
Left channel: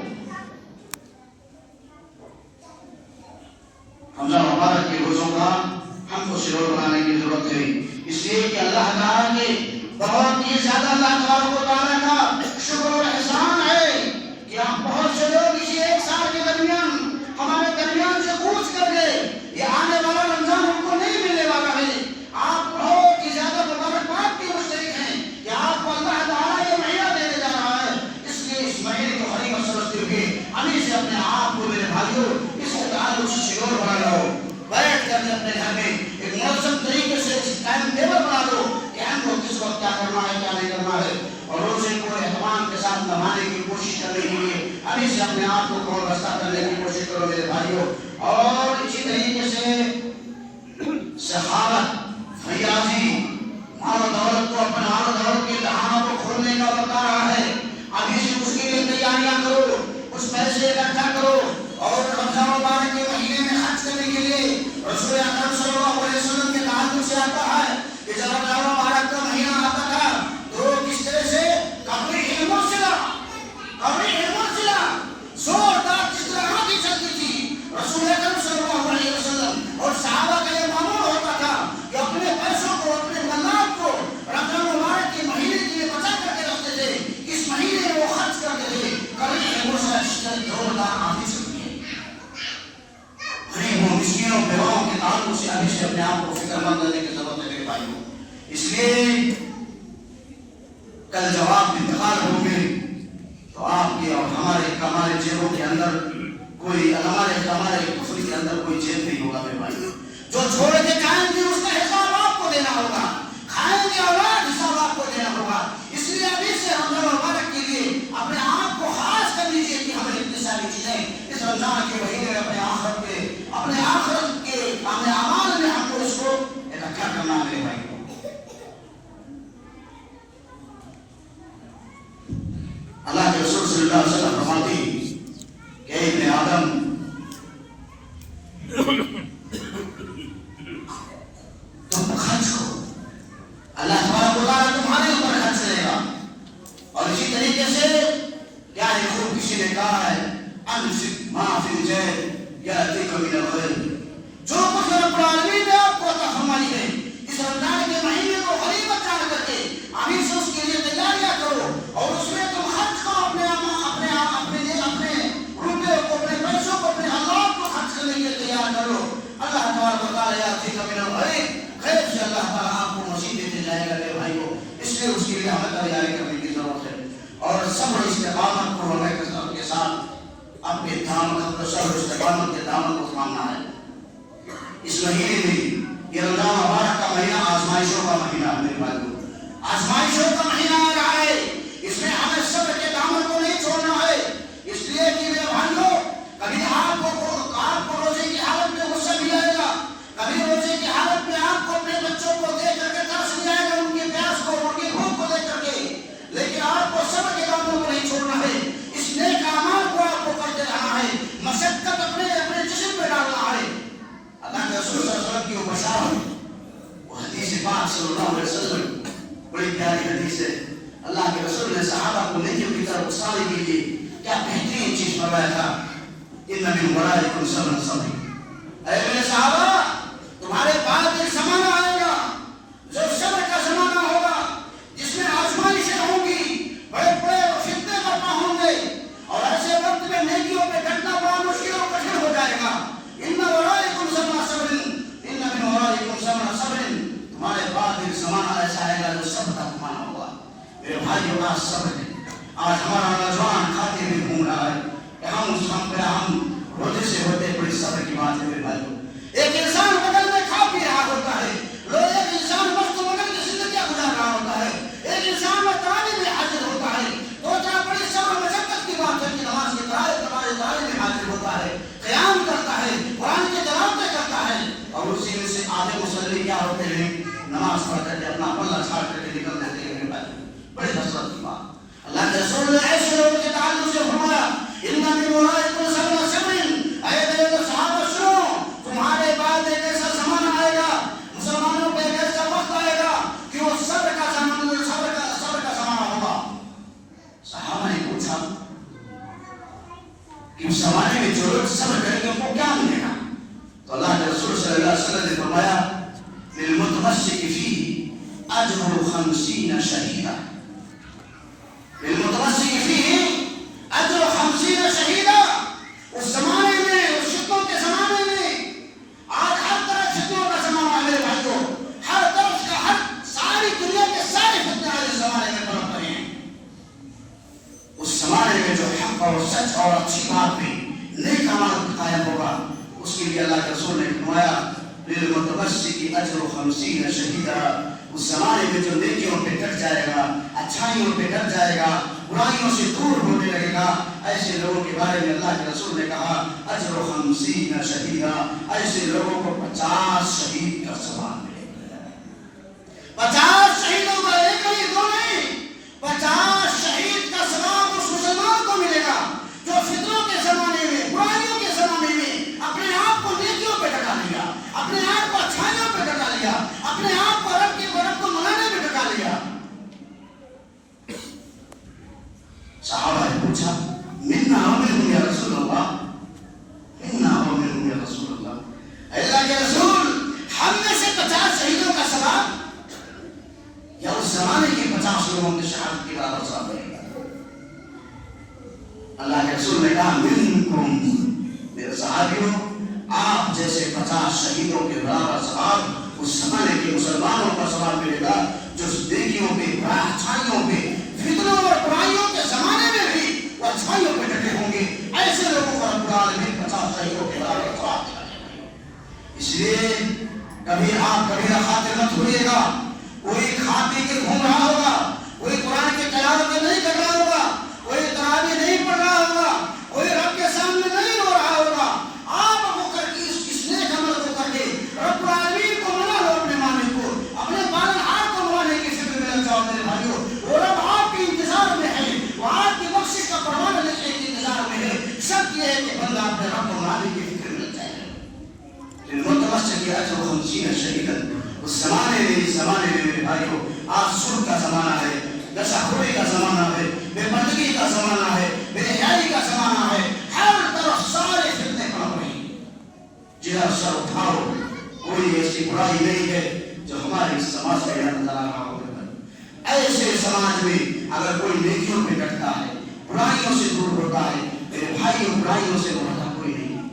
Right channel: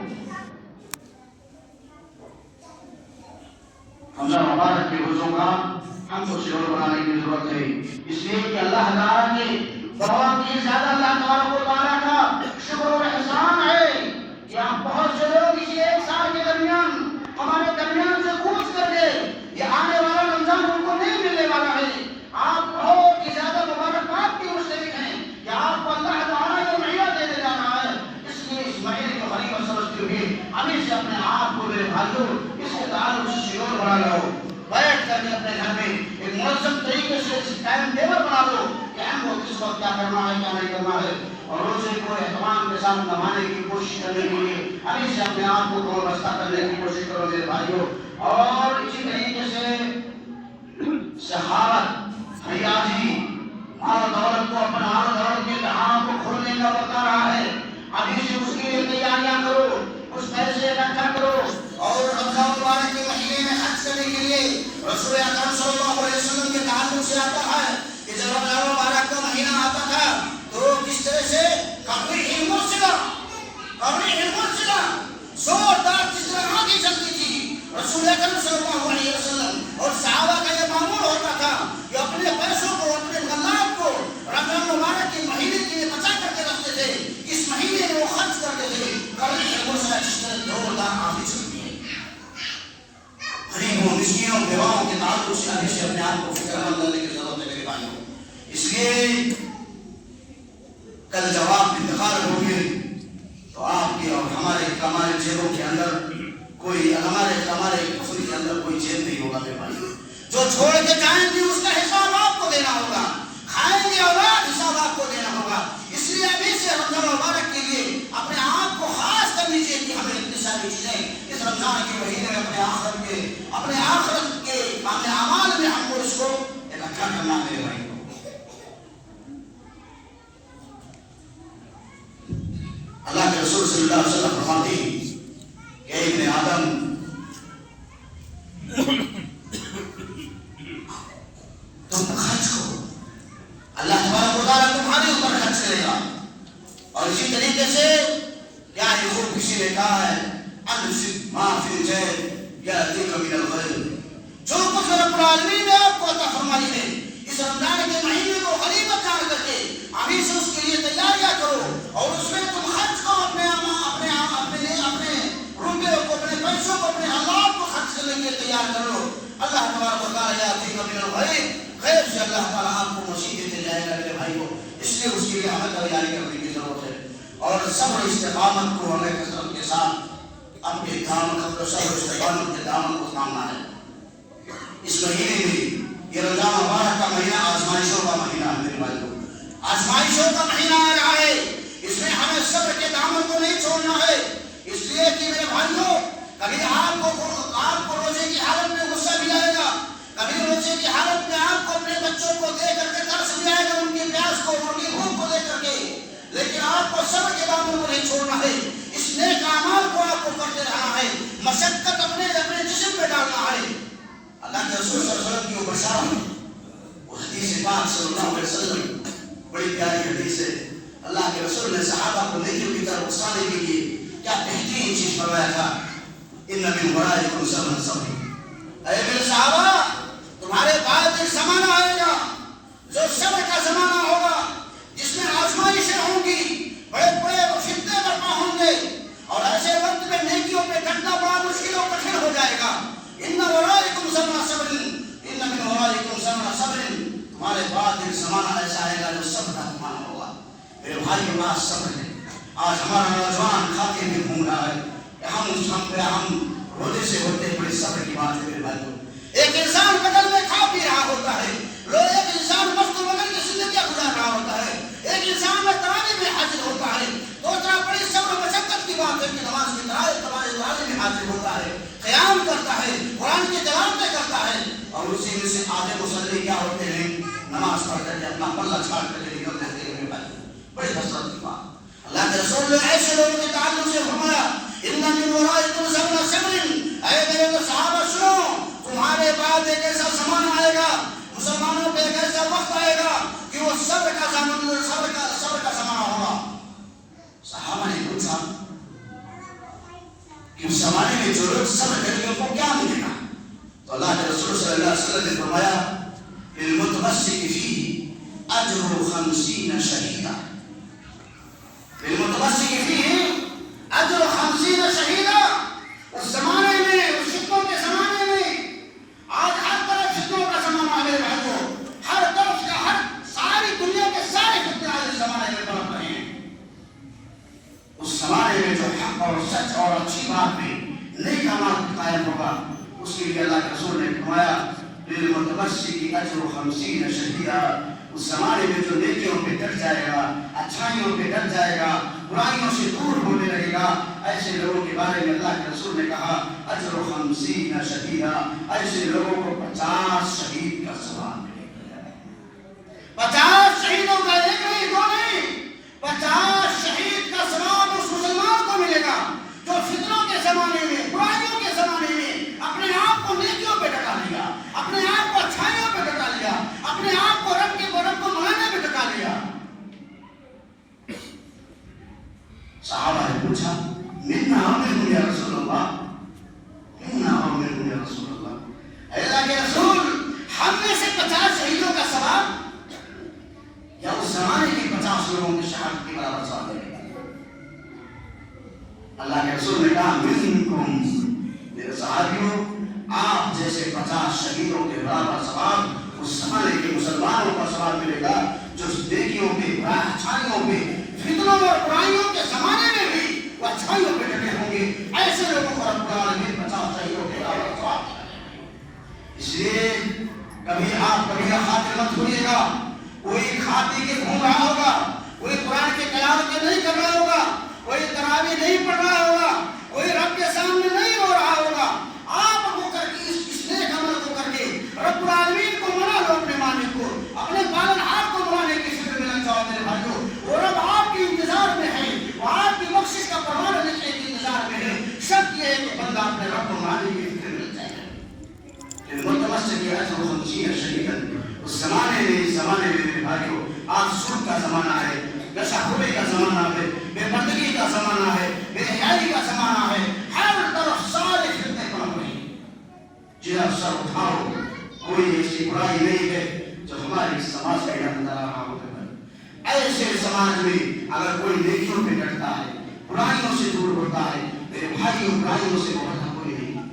رمضان مبارک کے روزوں کا ہم کو شعور بنانے کی ضرورت ہے، اس لیے کہ اللہ تعالیٰ نے بہت ہی زیادہ اللہ تبارک و تعالیٰ کا شکر و احسان ہے کہ ہم بہت سے لوگ اسی 1 سال کے درمیان ہمارے درمیان سے کوچ کر گئے، یہ آنے والا رمضان ہم کو نہیں ملنے والا ہے۔ آپ بہت ہی زیادہ مبارکباد کے مستحق ہیں کہ آپ کو اللہ تعالیٰ یہ مہینہ دینے جا رہا ہے، اس لیے اس مہینے کو غنیمت سمجھتے ہوئے ابھی سے اپنے آپ کو میرے بھائیوں اس کے تعلق سے شعور بنا لو، بیٹھ کر اپنے گھر میں ایک منظم طریقے سے ٹائم ٹیبل بنا دو کہ ہم کو کس وقت کیا کرنا ہے کیا نہیں کرنا ہے، اور روزے کو اہتمام کے ساتھ نبھانے کی کوشش کرنے کے لیے ابھی سے اپنے آپ کو کون رستہ کرنے کی کوشش کرو میرے بھائیوں۔ اور اسی طریقے سے سخاوت، فیاضی، مال و دولت کو اپنے مال و دولت کے دہانوں کو کھولنے کا بتا رہا ہے، ابھی سے اس کے لیے تیاریاں کرو، اس پیسے اکٹھا کرو، اور رمضان مبارک کے مہینے میں حج کرنے کے لیے رسول اکرم صلی اللہ علیہ وسلم کے تعلق سے آتا ہے کہ جب رمضان مبارک کا مہینہ آتا تھا تو کس طرح سے قبری علم زوردار کس طرح آگے چلتی تھی، رسول اکرم صلی اللہ علیہ وسلم اور صحابہ کا یہ معمول ہوتا تھا کہ اپنے پیسوں کو، اپنے مالات کو رمضان مبارک کے مہینے کے لیے بچا کر کے رکھتے تھے، اس مہینے میں وہ خرچ کرتے تھے۔ قبری علم زوردار آگے چلتی ہے، غریبوں مسکینوں بیواؤں کے تعلق سے ابھی سے اپنے آپ کو فکر مند کرنے کی ضرورت ہے میرے بھائیوں۔ اس لیے کل جب آپ انتقال ہوں گے تو آپ کے اور ہمارے جیبوں کے اندر کوئی ہمارے کفن کے اندر کوئی جیب نہیں ہوگا میرے بھائیوں، جو چھوڑ کے جائیں گے اس کا حساب آپ کو دینا ہوگا، کھائیں گے اولاد حساب آپ کو دینا ہوگا۔ اس لیے ابھی سے رمضان مبارک کے لیے اپنے آپ کو خاص کر لیجیے کہ ہمیں اتنی ساری چیزیں اس رمضان کے مہینے میں اپنے آخرت کے اپنے اعمال میں ہم کو اس کو اکٹھا کرنا ہے میرے بھائی۔ تبارک و تعالیٰ تمہارے اوپر خرچ کرے گا. اور اسی طریقے سے کیا ہے خوب کسی نے کہا ہے انفق ما فی الجیب یأتیک من الغیب. جو کچھ رب العالمین نے آپ کو عطا فرمائی ہے اس رمضان کے مہینے کو غنیمت جان کر کے ابھی سے اس کے لیے تیاریاں کرو اور اس میں تم خرچ کرو اپنے روپے کو, اپنے پیسوں کو, اپنے حالات کو خرچ کرنے کے لیے تیار کرو. اللہ تبارک و تعالیٰ یأتیک من الغیب, غیب سے اللہ تعالیٰ آپ کو مسیح دیتے جائے گا میرے بھائیو. اس لیے اس کے لیے ہمیں تیاری کرنے کی ضرورت ہے اور صبر استقامت کو ہمیں کثرت کے ساتھ اپنے دامن کو صبر استقامت کے دامن کو تھامنا ہے. اس مہینے میں یہ رمضان مبارک کا مہینہ آزمائشوں کا مہینہ ہے میرے بھائیو, آزمائشوں کا مہینہ آ رہا ہے. اس میں ہمیں صبر کے دامن کو نہیں چھوڑنا ہے. اس لیے کہ میرے بھائیو کبھی آپ کو روزے کی حالت میں غصہ بھی آئے گا, کبھی روزے کی حالت میں آپ کو اپنے بچوں کو دے کر کے ترس بھی آئے گا, ان کی پیاس کو, ان کی بھوک کو دے کر کے. لیکن آپ کو صبر کے دامن کو نہیں چھوڑنا ہے. اس نیک اعمال کو آپ کو کرتے رہنا ہے, مشقت اپنے جسم پہ ڈالنا ہے. اللہ کے رسول صلی اللہ علیہ وسلم کی وہ بشارت, وہ حدیث پاک صلی اللہ علیہ وسلم بڑی پیاری حدیث ہے. اللہ کے رسول نے صحابہ کو نیکیوں کی طرف اکسانے کے لیے کیا بہترین چیز فرمایا تھا, ان من ورائکم صبر صبر. اے میرے صحابہ تمہارے بعد ایک زمانہ آئے گا جو صبر کا زمانہ ہوگا, جس میں آزمائشیں ہوں گی, بڑے بڑے فتنے برپا ہوں گے اور ایسے وقت میں نیکیوں پہ ڈٹنا بڑا مشکل اور کٹھن ہو جائے گا. ان ورائکم صبر صبر, ان من ورائکم صبر صبر. تمہارے بعد ایک زمانہ ایسا آئے گا جو صبر کا زمانہ ہوگا. میرے بھائیو آج صبر ہے. آج ہمارا نوجوان کھاتے میں گھوم رہا ہے. ہم روزے سے ہوتے بڑی صبر کی بات ہے میرے بھائیو. ایک انسان بدل میں کھا پی رہا ہوتا ہے, ایک انسان وقت بدل کی زندگیاں گزار رہا ہوتا ہے, ایک انسان میں تراویح میں حاضر ہوتا ہے. تو کیا بڑی صبر مشقت کی بات ہے کہ نماز کی تراویح میں حاضر ہوتا ہے, قیام کرتا ہے, قرآن کے تلاوتیں کرتا ہے, اور اسی میں سے آدھے مصلی کیا ہوتے ہیں نماز پڑھ کر کے اپنا پلہ چھاڑ کر کے نکل جاتے ہیں. بڑی حسرت کی بات. اللہ کے رسول نے ایسے لوگوں کے تعلق سے فرمایا ان من ورائکم صبر صبر. اے میرے صحابہ سنو, تمہارے بعد ایک ایسا زمانہ آئے گا, مسلمانوں پہ ایک ایسا وقت آئے گا کہ وہ صبر کا زمانہ ہوگا. صحابہ نے پوچھا کہ اس زمانے میں جو لوگ صبر کریں گے ان کو کیا ملے گا؟ تو اللہ کے رسول صلی اللہ علیہ وسلم نے فرمایا للمتمسک فیہ اجر 50 شہیدا. للمتمسک فیہ اجر 50 شہیدا. اس زمانے میں, اس فتنوں کے زمانے میں, آج ہر طرف فتنوں کا زمانہ ہے میرے بھائیو. ہر طرف کا ساری دنیا کے سارے فتنے آج اس زمانے میں پڑھ رہے ہیں. اس زمانے میں جو حق اور سچ اور اچھی بات میں نیک اعمال قائم ہوگا, اس کے لیے اللہ کے رسول نے فرمایا للمتمسک اجر 50 شہیدا. اس زمانے میں جو نیکیوں پہ ڈٹ جائے گا, اچھائیوں پہ ڈٹ جائے گا, برائیوں سے دور ہونے لگے گا, ایسے لوگوں کے بارے میں اللہ کے رسول نے کہا اجر 50 شہیدا. ایسے لوگوں کو 50 شہید کا ثواب ملے گا. 50 شہیدوں کا ایک نہیں دو نہیں, 50 شہید کا ثواب اس مسلمان کو ملے گا جو فتنوں کے زمانے میں, برائیوں کے زمانے میں اپنے آپ کو نیکیوں پہ ڈٹا لیا, اپنے آپ کو اچھائیوں پہ ڈٹا لیا, اپنے آپ کو رب کو منانے پہ ڈٹا لیا. صحابہ نے پوچھا منا ومنہم یا رسول اللہ, منا ومنہم یا رسول اللہ. اللہ کے رسول ہم میں سے 50 شہیدوں کا ثواب یا اس زمانے کے 50 لوگوں کی شہادت کے برابر ثواب ملے گا؟ اللہ کے رسول نے کہا منکم, میرے صحابیوں آپ جیسے 50 شہیدوں کے برابر ثواب اس زمانے کے مسلمانوں کا ثواب ملے گا جو نیکیوں پہ, اچھائیوں پہ, فتنوں اور برائیوں کے زمانے میں بھی وہ اچھائیوں پہ ڈٹے ہوں گے. ایسے لوگوں کو رب العالمین 50 شہیدوں کے برابر ثواب. اس لیے کبھی آپ کبھی خاطر مت ہوئیے گا. کوئی کھاتے کے گھوم رہا ہوگا, کوئی قرآن کے تلاوت نہیں کر رہا ہوگا, کوئی تراویح نہیں پڑھ رہا ہوگا, کوئی رب کے سامنے نہیں رو رہا ہوگا. آپ وہ کر کے اس نیک عمل کو کر کے رب العالمین کو منا لو, اپنے مالک کو, اپنے پالنہار کو منانے کی فکر میں لگ جاؤ میرے بھائیو. وہ رب آپ کے انتظار میں ہے, وہ آپ کی بخشش کا پروانہ لینے کے انتظار میں ہے. شرط یہ ہے کہ بندہ اپنے رب کو منانے کی فکر میں لگ جائے. المتمسک اجر 50 شہیدا. اس زمانے میں, اس زمانے میں میرے بھائیو آج ظلم کا زمانہ ہے، گساخوری کا زمانہ ہے، بے پردگی کا زمانہ ہے، بے حیائی کا زمانہ ہے، ہر طرف سارے فتنے پڑھ رہے ہیں۔ جہاں سر اٹھاؤ، کوئی ایسی برائی نہیں ہے جو ہماری سماج میں نظر آ رہا ہو۔ ایسے سماج میں اگر کوئی نیکیوں پہ ڈٹتا ہے، برائیوں سے دور ہوتا ہے، میرے بھائیوں برائیوں سے مبرا کوئی نہیں،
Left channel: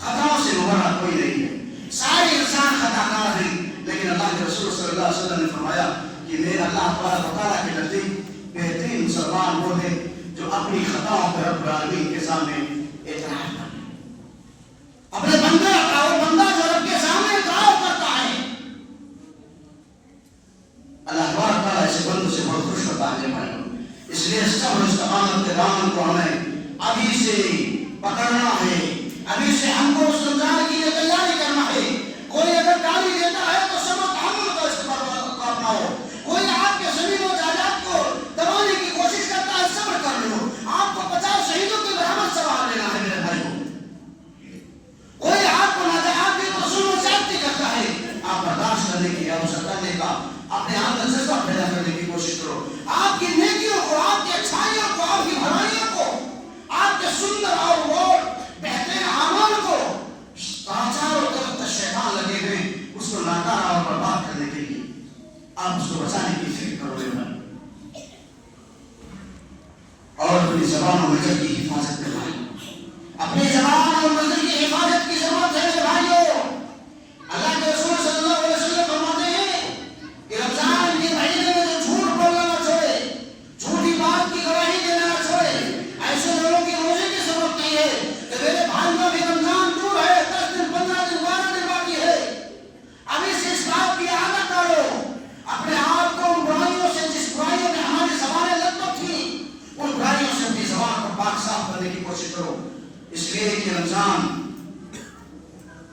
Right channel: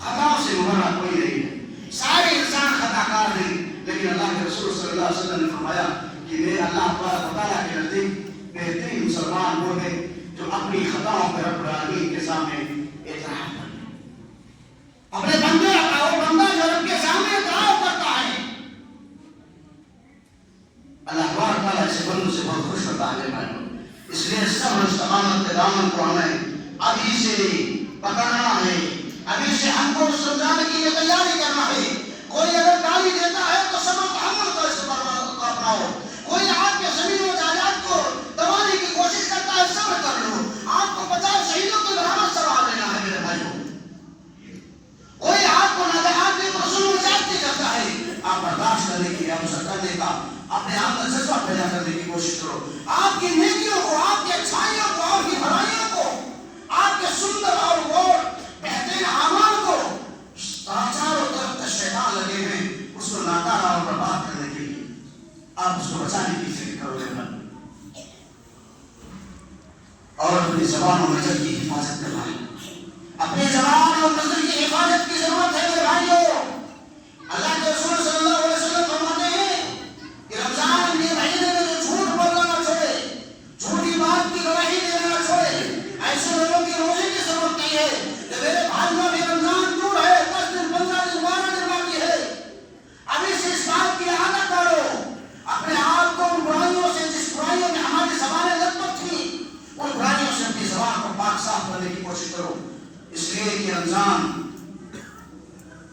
خطاؤں سے مبرا کوئی نہیں ہے۔ سارے انسان خطا کار ہیں، لیکن اللہ کے رسول صلی اللہ علیہ وسلم نے فرمایا کہ میرا اللہ تبارک و تعالیٰ کے نزدیک بہترین مسلمان وہ ہے جو اپنی خطاؤں پر رب العالمین کے سامنے اعتراف کرے۔ اپنے بندے کا وہ بندہ جو رب کے سامنے اعتراف کرتا ہے، اللہ تبارک و تعالیٰ اس بندے سے بہت خوش ہوتا ہے بھائیوں۔ اس لیے صبر و استقامت کے دامن کو ہمیں ابھی سے پکڑنا ہے، ابھی سے ہم کو سمجھانے کی تیاری کرنا ہے۔ کوئی اگر گالی دیتا ہے تو صبر و تحمل کا استعمال اپناؤ۔ کوئی آپ کے زمین و جائیداد کو دبانے کی کوشش کرتا ہے، صبر کر لو۔ آپ کو 50 شہیدوں کے برابر ثواب لینا ہے میرے بھائیوں۔ کوئی آپ کو ناجائز کو ظلم و زیادتی کرتا ہے، آپ برداشت کرنے کی اوسط کرنے کا اپنے آپ میں جذبہ پیدا کرنے کی کوشش کرو۔ آپ کی نیکیوں کو، آپ کی اچھائیوں کو، آپ کی بھلائیوں کو، آپ کے سندر اور بہترین اعمال کو چاروں طرف شیطان لگے ہوئے اس کو ناکارہ اور برباد کرنے کے لیے آپ اس کو بچانے کی فکر کرو گے اور اپنی زبان اور نظر کی حفاظت میں بھائی، اپنی زبان اور نظر کی حفاظت کی ضرورت ہے میرے بھائیوں۔ اللہ کے رسول صلی اللہ علیہ وسلم فرماتے ہیں کہ رمضان کے مہینے میں جھوٹ بولنا نہ چھوڑے، جھوٹی بات کی گواہی دینا نہ چھوڑے۔ ایسے لوگوں کی روزے کی ضرورت نہیں ہے کہ میرے بھائیوں میں رمضان دور ہے، 10 دن 15 دن 12 دن باقی ہے، ابھی سے اس بات کی عادت ڈالو۔ اپنے آپ کو ان برائیوں سے، جس برائیوں میں ہماری زبانیں لطف تھیں، ان برائیوں سے اپنی زبان کو پاک صاف کرنے کی کوشش کرو، اس لیے کہ رمضان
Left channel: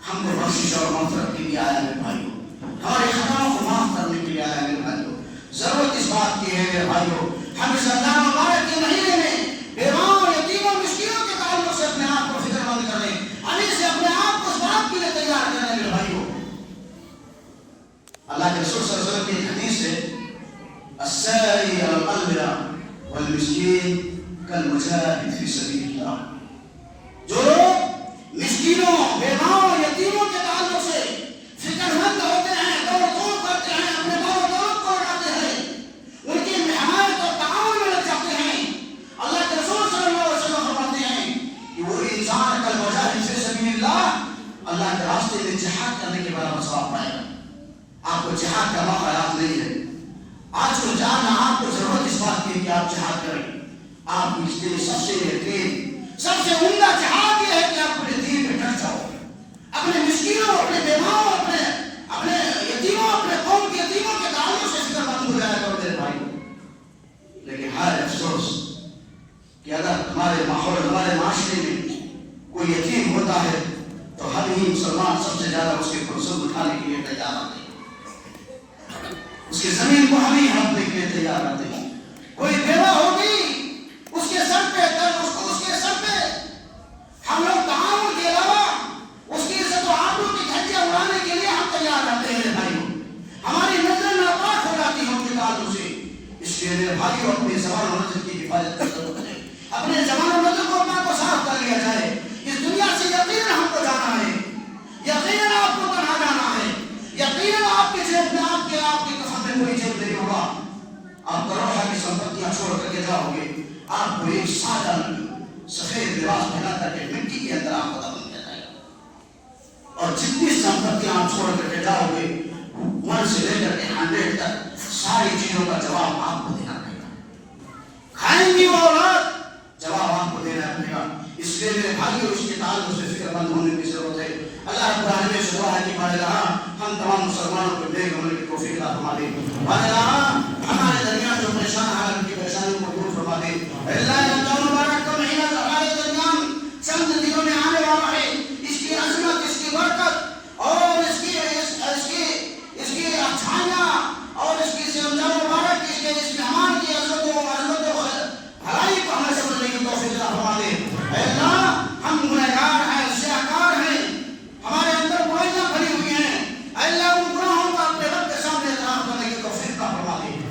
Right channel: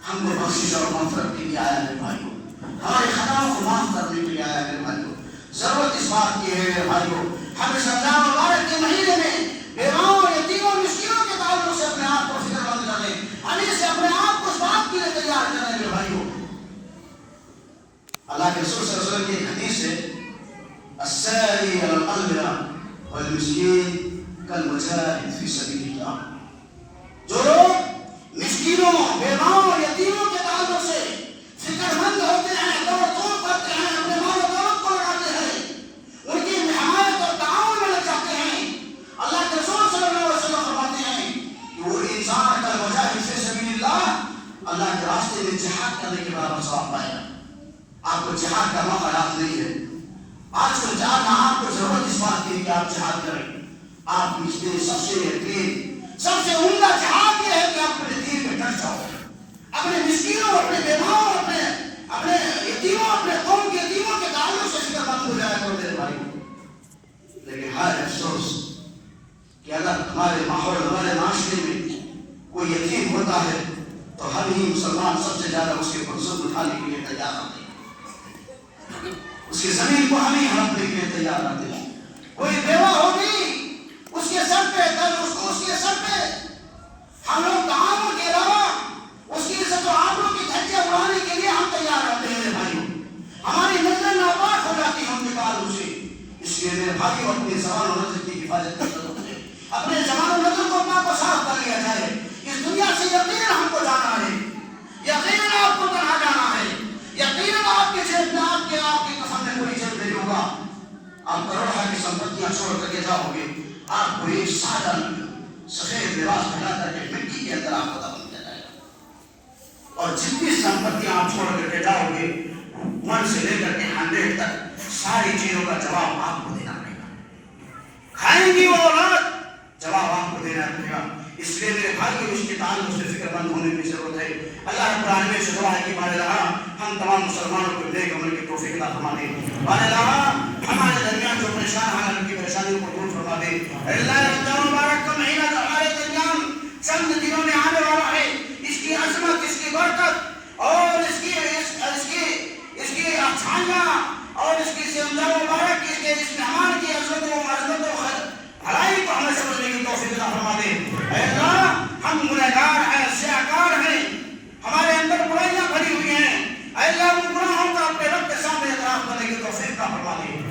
ہم کو بخشش اور مغفرت کے لیے آیا ہے بھائیوں، ہمارے خطاؤں کو معاف کرنے کے لیے آیا ہے بھائیوں۔ ضرورت اس بات کی ہے میرے بھائیوں، ہم اس رمضان مبارک کے مہینے میں بیواؤں، یتیموں، مسکینوں کے تعلق سے اپنے آپ کو فکر مند کریں، ابھی سے اپنے آپ کو اس بات کے لیے تیار کریں میرے بھائیوں۔ اللہ کے رسول صلی اللہ علیہ وسلم کی حدیث ہے الساعی علی القلب والمسکین کالمجاہد فی سبیل اللہ۔ جو لوگ مسکینوں، بیواؤں، یتیموں کے تعلق سے فکر مند ہوتے ہیں، دوڑ دوڑ کرتے ہیں، اپنے مال و دولت کو لگاتے ہیں، ان کی حمایت اور تعاون میں لگ جاتے ہیں، اللہ کے رسول صلی اللہ علیہ وسلم فرماتے ہیں کہ وہ انسان کالمجاہد فی سبیل اللہ اللہ کے راستے میں جہاد کرنے کے برابر ثواب پائے گا۔ آپ کو جہاد کا موقع یاد نہیں ہے، آج کو جہاں آپ کو ضرورت اس بات کی کہ آپ جہاد کریں۔ آپ اس لیے سب سے یقین، سب سے عمدہ جہاد یہ ہے کہ آپ اپنے دین پہ ڈٹ جاؤ، اپنے مسکینوں، اپنے بیواؤں، اپنے یتیموں، اپنے قوم کے یتیموں کے تعلق سے فکر مند ہو جائے کرو میرے بھائی۔ لیکن ہر افسوس کہ اگر ہمارے ماحول، ہمارے معاشرے میں کوئی یتیم ہوتا ہے تو ہم ہی مسلمان سب سے زیادہ اس کے پرسن اٹھانے کے لیے تیار ہوتے ہیں، اس کی زمین کو ہم ہی ہڑپنے کے لیے تیار ہوتے ہیں۔ کوئی بیوہ ہوگی، اس کے سر پہ ہم لوگ تعاون کے علاوہ اس کی عزت و آبرو کی دھجیاں اڑانے کے لیے ہم تیار رہتے ہیں بھائیوں۔ ہماری نظریں ناپاک ہو جاتی ہیں ان کے تعلق سے، اس لیے میرے بھائیوں اپنی زبان و نظر کی حفاظت کی ضرورت ہے۔ اپنے زبان و نظر کو پاک و صاف کر لیا جائے۔ اس دنیا سے یقیناً ہم کو جانا ہے، یقیناً آپ کو تنہا جانا ہے، یقیناً آپ کے جیب میں آپ کے کفن میں کوئی جیب نہیں ہوگا۔ آپ کروڑوں کی سمپتیاں چھوڑ کر کے جاؤ گے، آپ کو ایک سادہ سفید لباس پہنا کر کے مٹی کے اندر آپ کو دفن کیا جائے گا، اور جتنی سمپتیاں آپ چھوڑ کر کے جاؤ گے 1 سے لے کر کے 100 تک ساری چیزوں کا جواب آپ کو دینا پڑے گا۔ کھائیں گی وہ اولاد، جواب آپ کو دینا پڑے گا۔ اس لیے میرے بھائیوں اس کے تعلق سے فکر مند ہونے کی ضرورت ہے۔ اللہ رب العالمین سے دعا ہے کہ مالے رہا ہم تمام مسلمانوں کو نیک عمل کی توفیق عطا فرما دے۔ مالے رہا ہمارے درمیان جو پریشان ہیں ان کی پریشانیوں کو دور فرما دے۔ اللہ رمضان مبارک کا مہینہ ہمارے درمیان چند دنوں میں آنے والا ہے، اس کی عظمت، اس کی برکت اور اس کی اچھائیاں اور اس کی رمضان مبارک کی اس مہمان کی عظمت و بھلائی کو ہمیں سمجھنے کی توفیق عطا فرما دے۔ اے اللہ ہم گنہگار ہیں، سیاہکار ہیں، ہمارے اندر برائیاں بھری ہوئی ہیں، اے اللہ ان گناہوں کا اپنے رب کے سامنے اعتراف کرنے کی توفیق عطا فرما دے۔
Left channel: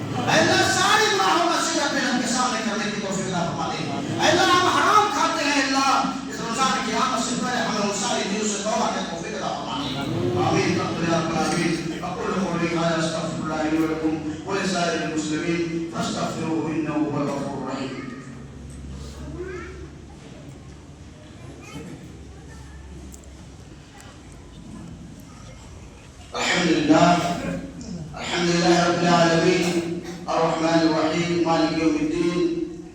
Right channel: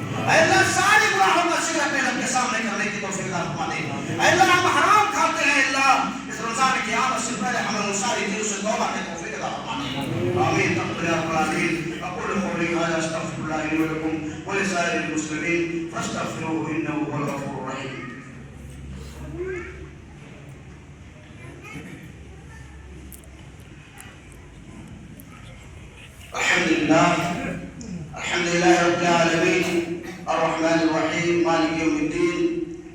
فاستغفروه انه هو الغفور الرحيم. الحمد لله رب العالمين الرحمن الرحيم مالك يوم الدين